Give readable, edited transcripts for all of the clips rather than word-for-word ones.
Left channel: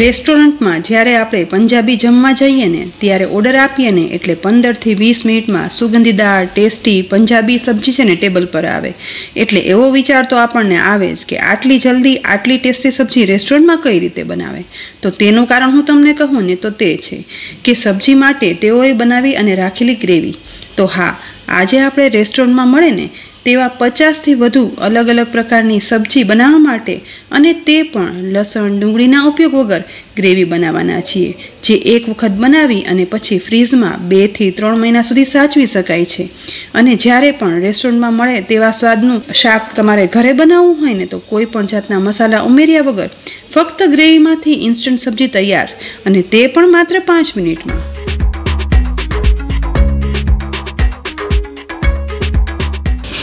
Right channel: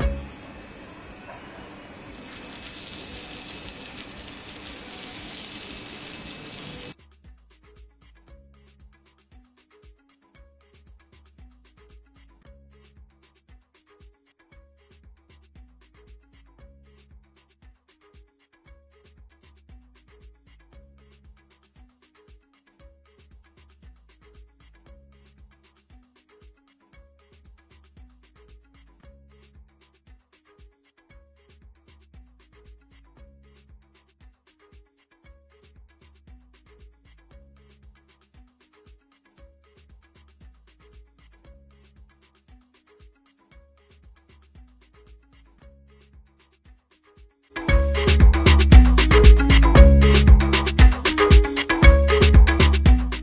રેસ્ટોરન્ટમાં જ્યારે આપણે પંજાબી જમવા જઈએ ને ત્યારે ઓર્ડર આપીએ ને એટલે 15થી 20 મિનિટમાં સુગંધીદાર ટેસ્ટી પંજાબી સબ્જી છે ને ટેબલ પર આવે. એટલે એવો વિચાર તો આપણને આવે જ કે આટલી જલ્દી આટલી ટેસ્ટી સબ્જી રેસ્ટોરન્ટમાં કઈ રીતે બનાવે. તો તેનું કારણ હું તમને કહું ને તો તે છે કે સબ્જી માટે તેઓએ બનાવી અને રાખેલી ગ્રેવી. તો હા, આજે આપણે રેસ્ટોરન્ટમાં મળે ને તેવા 50થી વધુ અલગ અલગ પ્રકારની સબ્જી બનાવવા માટે અને તે પણ લસણ ડુંગળીના ઉપયોગ વગર ગ્રેવી બનાવવાના છીએ, જે એક વખત બનાવી અને પછી ફ્રીઝમાં 2 થી 3 મહિના સુધી સાચવી શકાય છે. અને જ્યારે પણ રેસ્ટોરન્ટમાં મળે તેવા સ્વાદનું શાક તમારે ઘરે બનાવવું હોય ને તો કોઈ પણ જાતના મસાલા ઉમેર્યા વગર ફક્ત ગ્રેવીમાંથી ઇન્સ્ટન્ટ સબ્જી તૈયાર, અને તે પણ માત્ર 5 મિનિટમાં.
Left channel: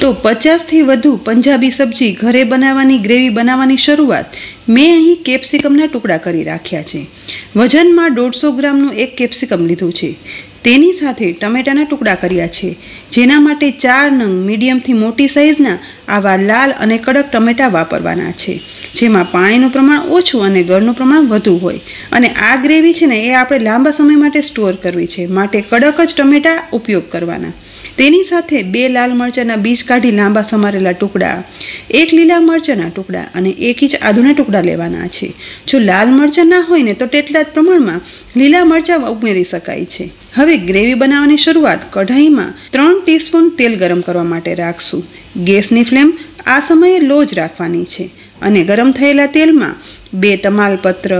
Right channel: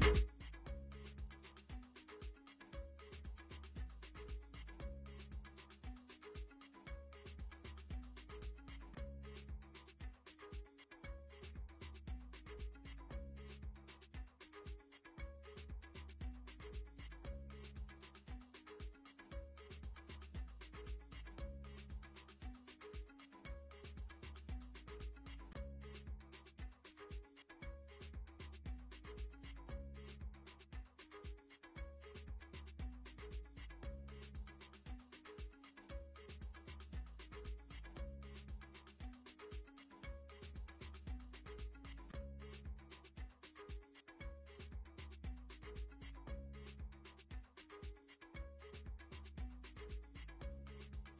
તો 50થી વધુ પંજાબી સબ્જી ઘરે બનાવવાની ગ્રેવી બનાવવાની શરૂઆત મેં અહીં કેપ્સિકમના ટુકડા કરી રાખ્યા છે. વજનમાં 150 ગ્રામનું એક કેપ્સિકમ લીધું છે. તેની સાથે ટમેટાના ટુકડા કર્યા છે, જેના માટે 4 નંગ મીડિયમથી મોટી સાઇઝના આવા લાલ અને કડક ટમેટા વાપરવાના છે, જેમાં પાણીનું પ્રમાણ ઓછું અને ગળનું પ્રમાણ વધુ હોય. અને આ ગ્રેવી છે ને એ આપણે લાંબા સમય માટે સ્ટોર કરવી છે, માટે કડક જ ટમેટા ઉપયોગ કરવાના. તેની સાથે 2 લાલ મરચાંના બીજ કાઢી લાંબા સમારેલા ટુકડા, 1 લીલા મરચાંના ટુકડા અને 1 ઇંચ આદુના ટુકડા લેવાના છે. જો લાલ મરચાં ના હોય ને તો તેટલા જ પ્રમાણમાં લીલા મરચાં ઉમેરી શકાય છે. હવે ગ્રેવી બનાવવાની શરૂઆત કઢાઈમાં 3 ટીસ્પૂન તેલ ગરમ કરવા માટે રાખશું. ગેસની ફ્લેમ આ સમયે લો જ રાખવાની છે અને ગરમ થયેલા તેલમાં 2 તમાલપત્ર,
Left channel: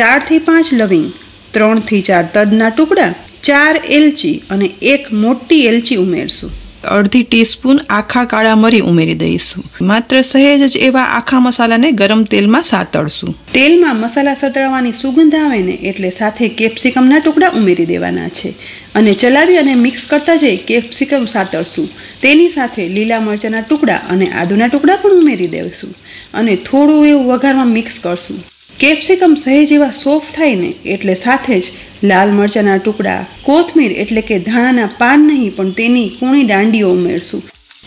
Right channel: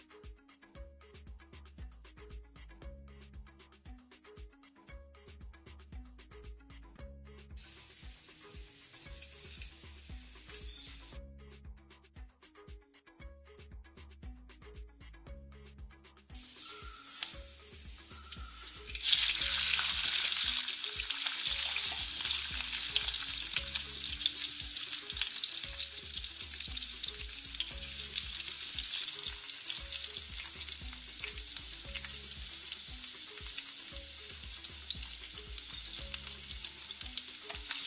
4 થી 5 લવિંગ, 3 થી 4 તજના ટુકડા, 4 એલચી અને 1 મોટી એલચી ઉમેરશું. અડધી ટીસ્પૂન આખા કાળા મરી ઉમેરી દઈશું. માત્ર સહેજ જ એવા આખા મસાલાને ગરમ તેલમાં સાતળશું. તેલમાં મસાલા સતળવાની સુગંધ આવે ને એટલે સાથે કેપ્સિકમના ટુકડા ઉમેરી દેવાના છે અને ચલાવી અને મિક્સ કરતા જઈ કેપ્સિકમ સાતળશું. તેની સાથે લીલા મરચાંના ટુકડા અને આદુના ટુકડા પણ ઉમેરી દઈશું અને થોડું એવું વઘારમાં મિક્સ કરશું. કેપ્સિકમ સહેજ એવા સોફ્ટ થાય ને એટલે સાથે જ લાલ મરચાંના ટુકડા, કોથમીર એટલે કે ધાણાના પાન નહીં પણ તેની કૂણી દાંડીઓ ઉમેરશું,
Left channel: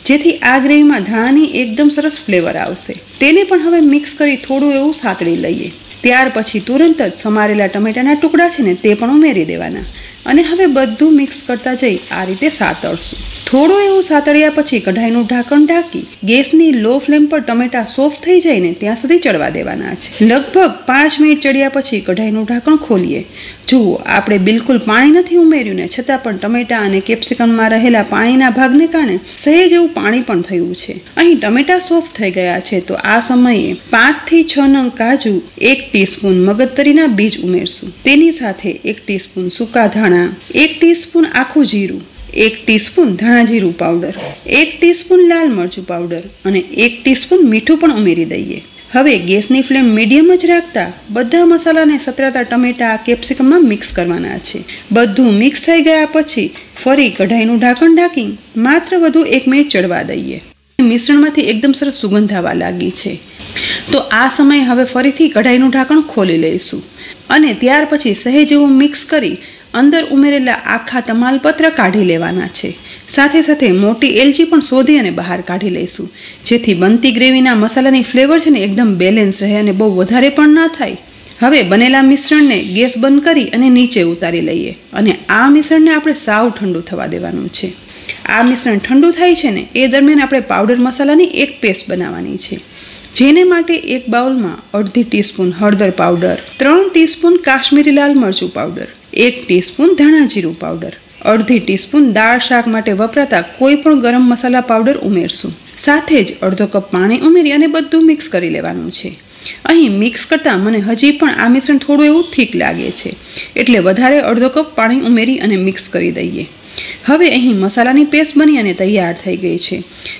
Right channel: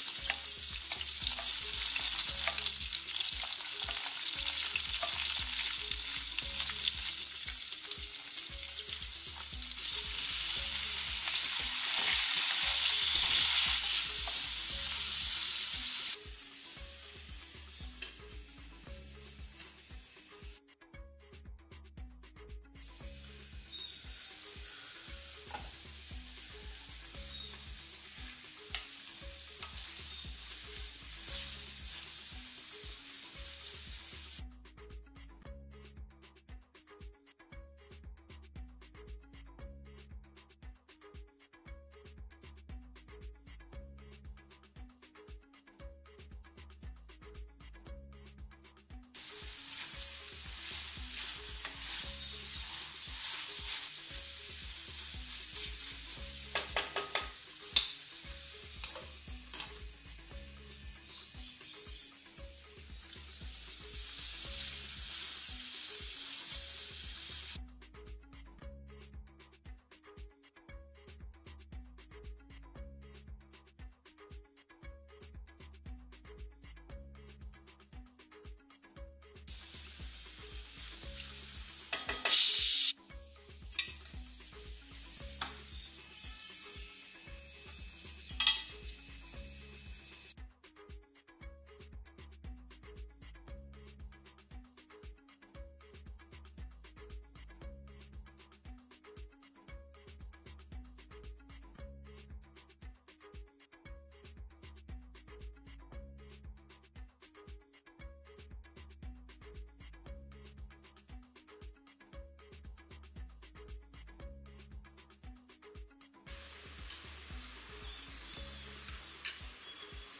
જેથી આ ગ્રેવીમાં ધાણાની એકદમ સરસ ફ્લેવર આવશે. તેને પણ હવે મિક્સ કરી થોડું એવું સાતળી લઈએ. ત્યાર પછી તુરંત જ સમારેલા ટમેટાના ટુકડા છે ને તે પણ ઉમેરી દેવાના અને હવે બધું મિક્સ કરતા જઈ આ રીતે સાતળશું. થોડું એવું સાતળ્યા પછી કઢાઈનું ઢાંકણ ઢાંકી ગેસની લો ફ્લેમ પર ટમેટા સોફ્ટ થઈ જાય ને ત્યાં સુધી ચડવા દેવાના છે. લગભગ 5 મિનિટ ચડ્યા પછી કઢાઈનું ઢાંકણ ખોલીએ. જુઓ, આપણે બિલકુલ પાણી નથી ઉમેર્યું ને છતાં પણ ટમેટા અને કેપ્સિકમમાં રહેલા પાણીના ભાગને કારણે સહેજ એવું પાણી પણ થયું છે. અહીં ટમેટા સોફ્ટ થઈ ગયા છે તો આ સમયે 5 થી 6 નંગ કાજુ, 1 ટીસ્પૂન મગજતરીના બીજ ઉમેરશું. તેની સાથે 1 ટીસ્પૂન સૂકા ધાણા, 1 ટીસ્પૂન આખું જીરું, 1 ટીસ્પૂન ધાણા જીરું પાવડર, 1 ટીસ્પૂન લાલ મરચું પાવડર અને 1 ટીસ્પૂન મીઠું પણ ઉમેરી દઈએ. હવે ગેસની ફ્લેમ મીડિયમ જ રાખતા બધા મસાલાને સતરાતા ટમેટા કેપ્સિકમમાં મિક્સ કરવાના છે. બધું મિક્સ થઈ ગયા પછી ફરી કઢાઈનું ઢાંકણ ઢાંકી માત્ર વધુ 1 મિનિટ ચડવા દઈએ. મિશ્રણમાંથી એકદમ સરસ સુગંધ આવવા લાગી છે તો આ સમયે હવે ફરીથી કઢાઈનું ઢાંકણ ખોલી લઈશું અને ત્યાર પછી સહેજ એવું મિક્સ કરી અંદર ઉમેરેલા આખા તમાલપત્ર કાઢી લેવાના છે. સાથે સાથે મોટી એલચી પણ શોધી અને બહાર કાઢી લઈશું, જેથી બનતી ગ્રેવીના મસાલાની ફ્લેવર છે ને એકદમ બેલેન્સ રહે અને બહુ વધારે પણ ના થાય. હવે બનેલા મિશ્રણને ગેસ બંધ કરી અને નીચે ઉતારી લઈએ અને આ મિશ્રણને આપણે સાવ ઠંડુ થવા દેવાનું છે. આ મિશ્રણ ઠંડુ થાય છે ને એ દરમિયાન આપણે પાવડર મસાલાની એક પેસ્ટ બનાવવાની છે, જેને માટે એક બાઉલમાં અડધી ટીસ્પૂન હળદર પાવડર, 3 ટીસ્પૂન કાશ્મીરી લાલ મરચું પાવડર, 1 ટીસ્પૂન ધાણા જીરું પાવડર, અડધી ટીસ્પૂન દાળ શાક માટે વપરાતા કોઈ પણ ગરમ મસાલા પાવડર ઉમેરશું. સાથે જ અડધો કપ પાણી ઉમેરી અને બધું મિક્સ કરી લેવાનું છે. અહીં મિક્સ કરતાં મને હજી પણ આ મિશ્રણ થોડું એવું થીક લાગે છે, એટલે વધારે અડધો કપ પાણી ઉમેરી અને મિક્સ કરી દઈએ. હવે અહીં મસાલાની પેસ્ટ બની અને તૈયાર થઈ ગઈ છે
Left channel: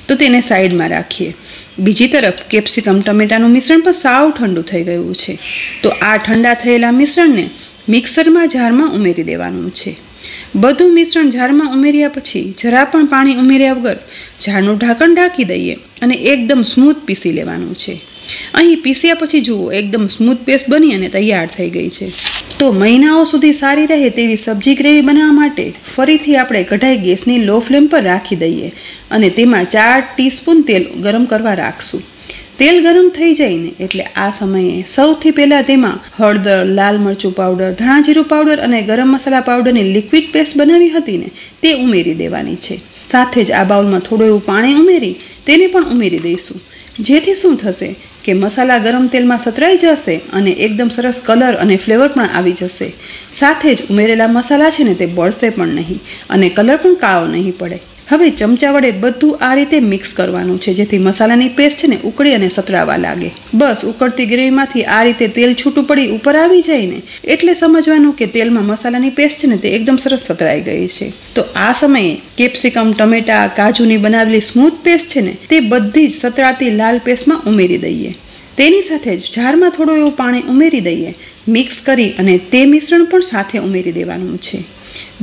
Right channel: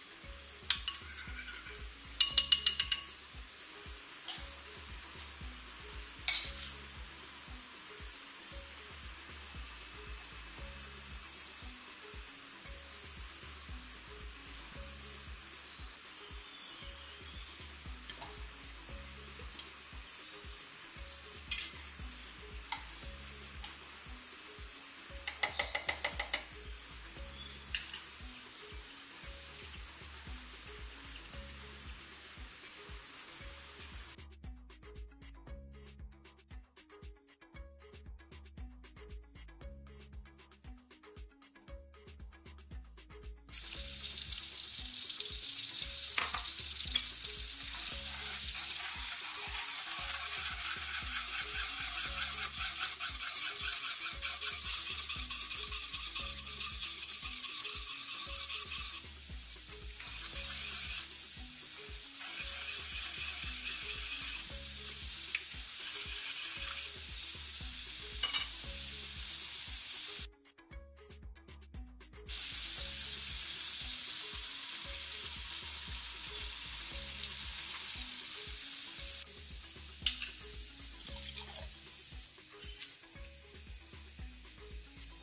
તો તેને સાઈડમાં રાખીએ. બીજી તરફ કેપ્સિકમ ટમેટાનું મિશ્રણ પણ સાવ ઠંડુ થઈ ગયું છે તો આ ઠંડા થયેલા મિશ્રણને મિક્સરમાં જારમાં ઉમેરી દેવાનું છે. બધું મિશ્રણ જારમાં ઉમેર્યા પછી જરા પણ પાણી ઉમેર્યા વગર જારનું ઢાંકણ ઢાંકી દઈએ અને એકદમ સ્મૂથ પીસી લેવાનું છે. અહીં પીસ્યા પછી જુઓ એકદમ સ્મૂથ પેસ્ટ બની અને તૈયાર થઈ ગઈ છે. તો મહિનાઓ સુધી સારી રહે તેવી સબ્જી ગ્રેવી બનાવવા માટે ફરીથી આપણે કઢાઈ ગેસની લો ફ્લેમ પર રાખી દઈએ અને તેમાં 4 ટીસ્પૂન તેલ ગરમ કરવા રાખશું. તેલ ગરમ થઈ જાય ને એટલે આ સમયે સૌથી પહેલાં તેમાં હળદર, લાલ મરચું પાવડર, ધાણા જીરું પાવડર અને ગરમ મસાલા પાવડરની લિક્વિડ પેસ્ટ બનાવી હતી ને તે ઉમેરી દેવાની છે. સાથે જ આ બાઉલમાં થોડું એવું પાણી ઉમેરી તેને પણ ઉમેરી દઈશું, જેથી શું થશે કે મસાલા ગરમ તેલમાં સતરાઈ જશે અને એકદમ સરસ કલર અને ફ્લેવર પણ આવી જશે. સાથે જ ઉમેરેલા મસાલા છે ને તે બળશે પણ નહીં અને કલર પણ કાળો નહીં પડે. હવે ચમચા વડે બધું આ રીતે મિક્સ કરવાનું છે, જેથી મસાલાની પેસ્ટ છે ને ઉકળી અને સતરાવા લાગે. બસ ઉકળતી ગ્રેવીમાંથી આ રીતે તેલ છૂટું પડી ઉપર આવી જાય ને એટલે સમજવાનું કે તેલમાં મસાલાની પેસ્ટ છે ને તે એકદમ સરસ સતરાઈ ગઈ છે. તો આ સમયે કેપ્સિકમ, ટમેટા, કાજુની બનાવેલી સ્મૂથ પેસ્ટ છે ને તે બધી જ સતરાતી લાલ પેસ્ટમાં ઉમેરી દઈએ. તેની સાથે જ જારમાં થોડું એવું પાણી ઉમેરી દઈએ. મિક્સ કરી અને તે મિશ્રણ પણ સાથે ઉમેરી દેવાનું છે.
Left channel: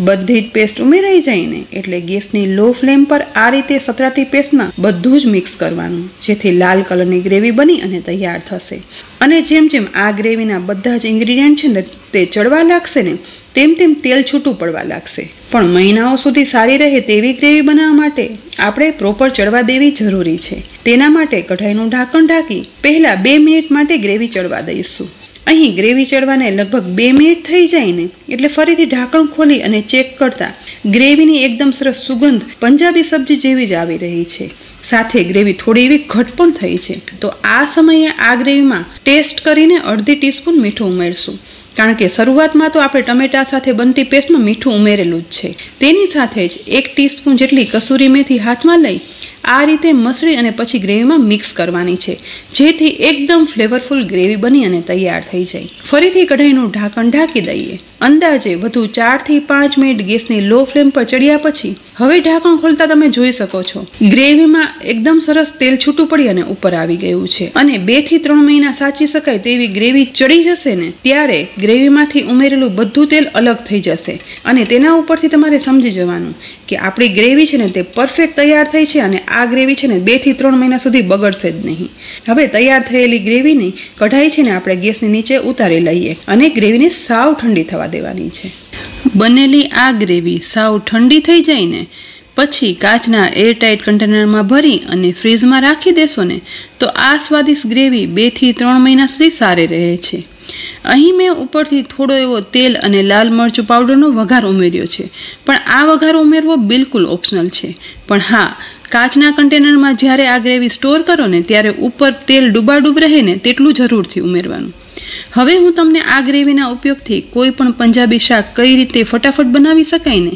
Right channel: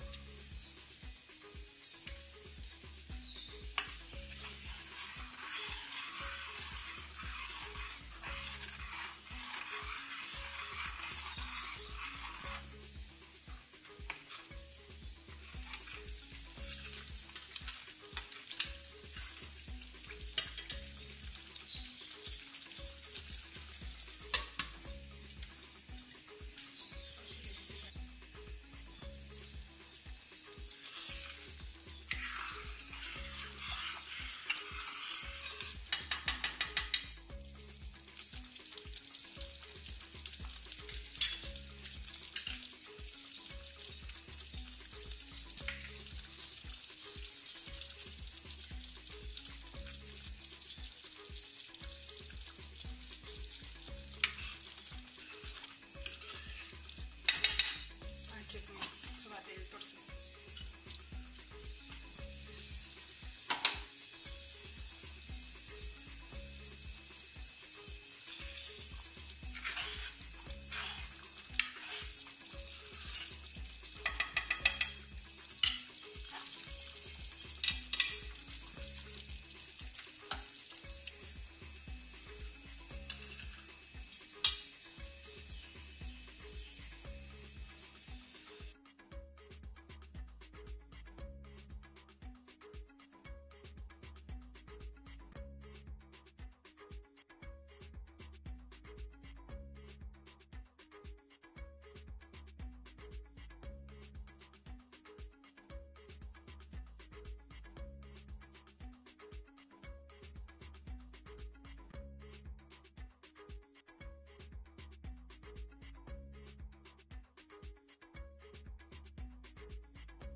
બધી જ પેસ્ટ ઉમેરાઈ જાય ને એટલે ગેસની લો ફ્લેમ પર આ રીતે સતરાટી પેસ્ટમાં બધું જ મિક્સ કરવાનું, જેથી લાલ કલરની ગ્રેવી બની અને તૈયાર થશે. અને જેમ જેમ આ ગ્રેવીના બધા જ ઇન્ગ્રીડિયન્ટ છે ને તે ચડવા લાગશે ને તેમ તેમ તેલ છૂટું પડવા લાગશે. પણ મહિનાઓ સુધી સારી રહે તેવી ગ્રેવી બનાવવા માટે આપણે પ્રોપર ચડવા દેવી જરૂરી છે. તેના માટે કઢાઈનું ઢાંકણ ઢાંકી પહેલાં 2 મિનિટ માટે ગ્રેવી ચડવા દઈશું. અહીં ગ્રેવી ચડવાને લગભગ 2 મિનિટ થઈ જાય ને એટલે ફરીથી ઢાંકણ ખોલી અને ચેક કરતા ગ્રેવીની એકદમ સરસ સુગંધ પંજાબી સબ્જી જેવી જ આવી રહી છે. સાથે ગ્રેવી થોડી એવી ઘટ પણ થઈ છે. તો આ સમયે આ ગ્રેવીમાં ટેસ્ટ કરીને અડધી ટીસ્પૂન મીઠું ઉમેરશું, કારણ કે શરૂઆતમાં તો આપણે ટમેટા સાથે બનતી પેસ્ટમાં મીઠું ઉમેરેલું જ છે. તેની સાથે જ 1 ટીસ્પૂન જેટલી કસૂરી મેથી હાથમાં લઈ આ રીતે મસળી અને પછી ગ્રેવીમાં મિક્સ કરવાની છે, જેથી એકદમ ફ્લેવરફુલ ગ્રેવી બની અને તૈયાર થઈ જાય. ફરીથી કઢાઈનું ઢાંકણ ઢાંકી દઈએ. અંદાજે વધુ 4 થી 5 મિનિટ ગેસની લો ફ્લેમ પર ચડ્યા પછી હવે ઢાંકણ ખોલતા તમે જોઈ શકો છો ગ્રેવીમાં એકદમ સરસ તેલ છૂટું પડી અને ઉપર આવી ગયું છે. અને 2 થી 3 મહિના સાચી શકાય તેવી ગ્રેવી ચડી જશે ને ત્યારે ગ્રેવીમાંથી ઉમેરેલું બધું તેલ અલગ થઈ જશે અને તેના ઉપરથી તમારે સમજી જવાનું કે આપણી ગ્રેવી છે ને તે પરફેક્ટ તૈયાર થઈ છે અને આ ગ્રેવી છે ને 2 થી 3 મહિના સુધી બગડશે જ નહીં. હવે તૈયાર થયેલી ગ્રેવીની કઢાઈ છે ને આપણે ગેસની નીચે ઉતારી લઈએ અને ગ્રેવીને સાવ ઠંડી થવા દેવાની છે. બનેલી આ ગ્રેવી સાવ ઠંડી થઈ જાય ને પછી કાચના એરટાઇટ કન્ટેનરમાં ભરી અને ફ્રીઝમાં રાખી દેશો ને તો આ સ્વાદિષ્ટ ગ્રેવી 2 થી 3 મહિના સુધી સારી રહે છે. અહીં મેં ઉપરથી થોડો એવો તેલ અને લાલ મરચું પાવડરનો વઘાર ઉમેર્યો છે, પણ આ વઘાર ઉમેરવો બિલકુલ ઓપ્શનલ છે. પણ હા, કાચના કન્ટેનરમાં જ્યારે આ ગ્રેવી સ્ટોર કરો ને ત્યારે ઉપર તેલ ડૂબાડૂબ રહે ને તેટલું જરૂરથી ઉમેરવાનું. હવે હું તમને આ ગ્રેવીના ઉપયોગથી કોઈ પણ પંજાબી શાક કઈ રીતે ફટાફટ બનાવી શકાય ને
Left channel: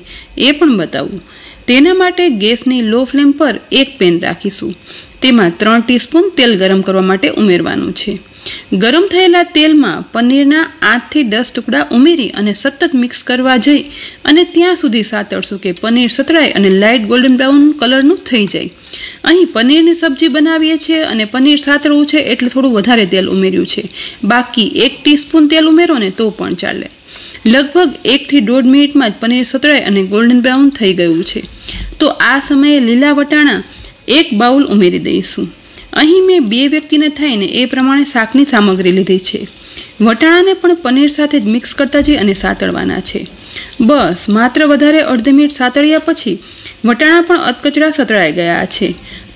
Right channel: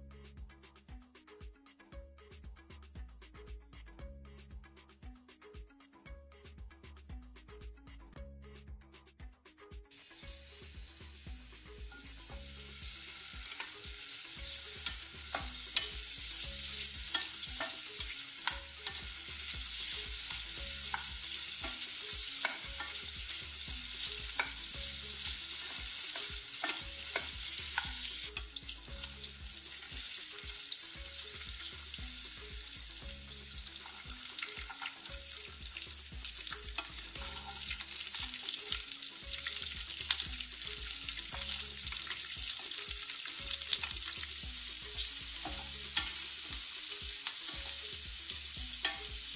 એ પણ બતાવું. તેના માટે ગેસની લો ફ્લેમ પર એક પેન રાખીશું. તેમાં 3 ટીસ્પૂન તેલ ગરમ કરવા માટે ઉમેરવાનું છે. ગરમ થયેલા તેલમાં પનીરના 8 થી 10 ટુકડા ઉમેરી અને સતત મિક્સ કરવા જઈ અને ત્યાં સુધી સાતળશું કે પનીર સતળાય અને લાઇટ ગોલ્ડન બ્રાઉન કલરનું થઈ જાય. અહીં પનીરની સબ્જી બનાવીએ છીએ અને પનીર સાતળવું છે એટલે થોડું વધારે તેલ ઉમેર્યું છે. બાકી 1 ટીસ્પૂન તેલ ઉમેરો ને તો પણ ચાલે. લગભગ 1 થી 1.5 મિનિટમાં જ પનીર સતળાય અને ગોલ્ડન બ્રાઉન થઈ ગયું છે. તો આ સમયે લીલા વટાણા 1 બાઉલ ઉમેરી દઈશું. અહીં મેં 2 વ્યક્તિને થાય ને એ પ્રમાણે શાકની સામગ્રી લીધી છે. વટાણાને પણ પનીર સાથે જ મિક્સ કરતા જઈ અને સાતળવાના છે. બસ માત્ર વધારે અડધી મિનિટ સાતળ્યા પછી વટાણા પણ અધકચરા સતળાઈ ગયા છે.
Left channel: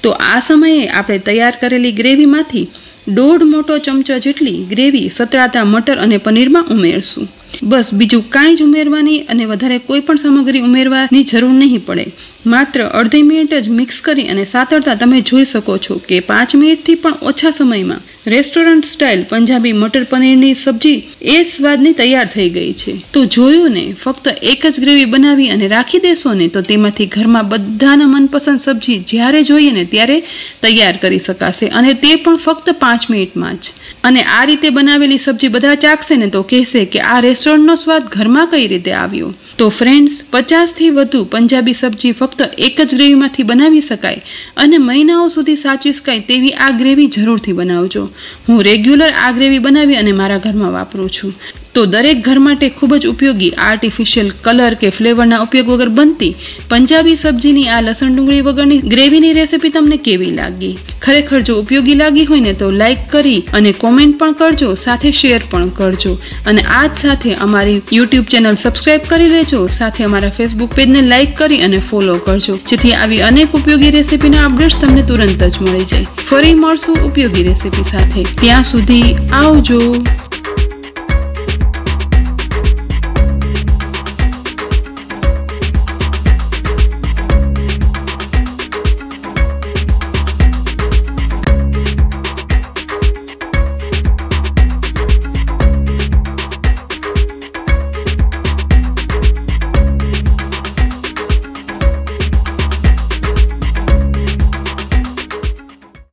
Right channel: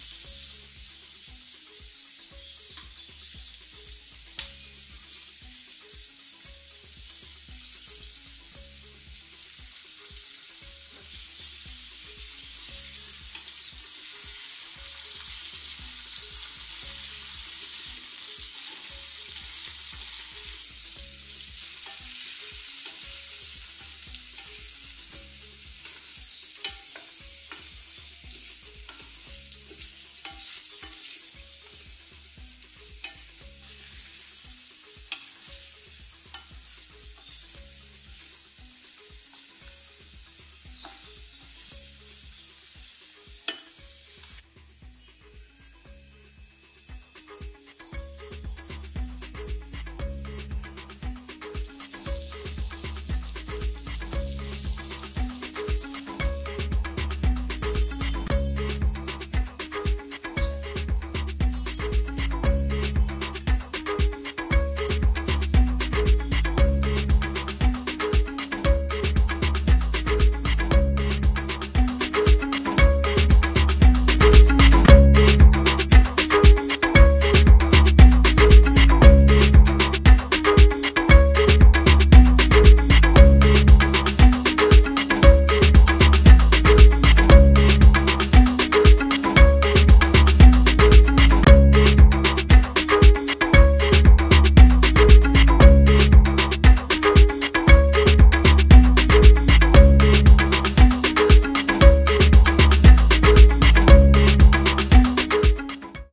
તો આ સમયે આપણે તૈયાર કરેલી ગ્રેવીમાંથી 1.5 મોટો ચમચો જેટલી ગ્રેવી સતળાતા મટર અને પનીરમાં ઉમેરશું. બસ બીજું કાંઈ જ ઉમેરવાની અને વધારે કોઈ પણ સામગ્રી ઉમેરવાની જરૂર નહીં પડે. માત્ર અડધી મિનિટ જ મિક્સ કરી અને સાતળતા તમે જોઈ શકો છો કે 5 મિનિટથી પણ ઓછા સમયમાં રેસ્ટોરન્ટ સ્ટાઇલ પંજાબી મટર પનીરની સબ્જી એ જ સ્વાદની તૈયાર થઈ ગઈ છે. તો જોયું ને, ફક્ત એક જ ગ્રેવી બનાવી અને રાખી દેશો ને તો તેમાંથી ઘરમાં બધાના મનપસંદ સબ્જી જ્યારે જોઈએ ને ત્યારે તૈયાર કરી શકાશે અને તે પણ ફક્ત 5 મિનિટમાં જ. અને આ રીતે બનાવેલી સબ્જી બધા ચાખશે ને તો કહેશે કે આ રેસ્ટોરન્ટનો સ્વાદ ઘરમાં કઈ રીતે આવ્યો. તો ફ્રેન્ડ્સ, 50 થી વધુ પંજાબી સબ્જી ફક્ત એક જ ગ્રેવીમાંથી બનાવી શકાય અને મહિનાઓ સુધી સાચવી શકાય તેવી આ ગ્રેવી જરૂરથી બનાવજો. હું રેગ્યુલર આ ગ્રેવી બનાવી અને મારા ઘરમાં વાપરું છું. તો દરેક ઘર માટે ખૂબ જ ઉપયોગી આર્ટિફિશિયલ કલર કે ફ્લેવરના ઉપયોગ વગર બનતી પંજાબી સબ્જીની આ લસણ ડુંગળી વગરની ગ્રેવીની રેસીપી તમને કેવી લાગી? ખરેખર જો ઉપયોગી લાગી હોય ને તો લાઈક કરી અને કોમેન્ટ પણ કરજો, સાથે શેર પણ કરજો અને આ જ સાથે અમારી યુટ્યુબ ચેનલ સબસ્ક્રાઇબ કરી લેજો, સાથે અમારા ફેસબુક પેજને લાઈક કરી અને ફોલો કરજો, જેથી આવી અનેક ઉપયોગી રેસીપીના અપડેટ્સ તમને તુરંત જ મળી જાય. ફરી મળશું ઉપયોગી રેસીપી સાથે. ત્યાં સુધી આવજો.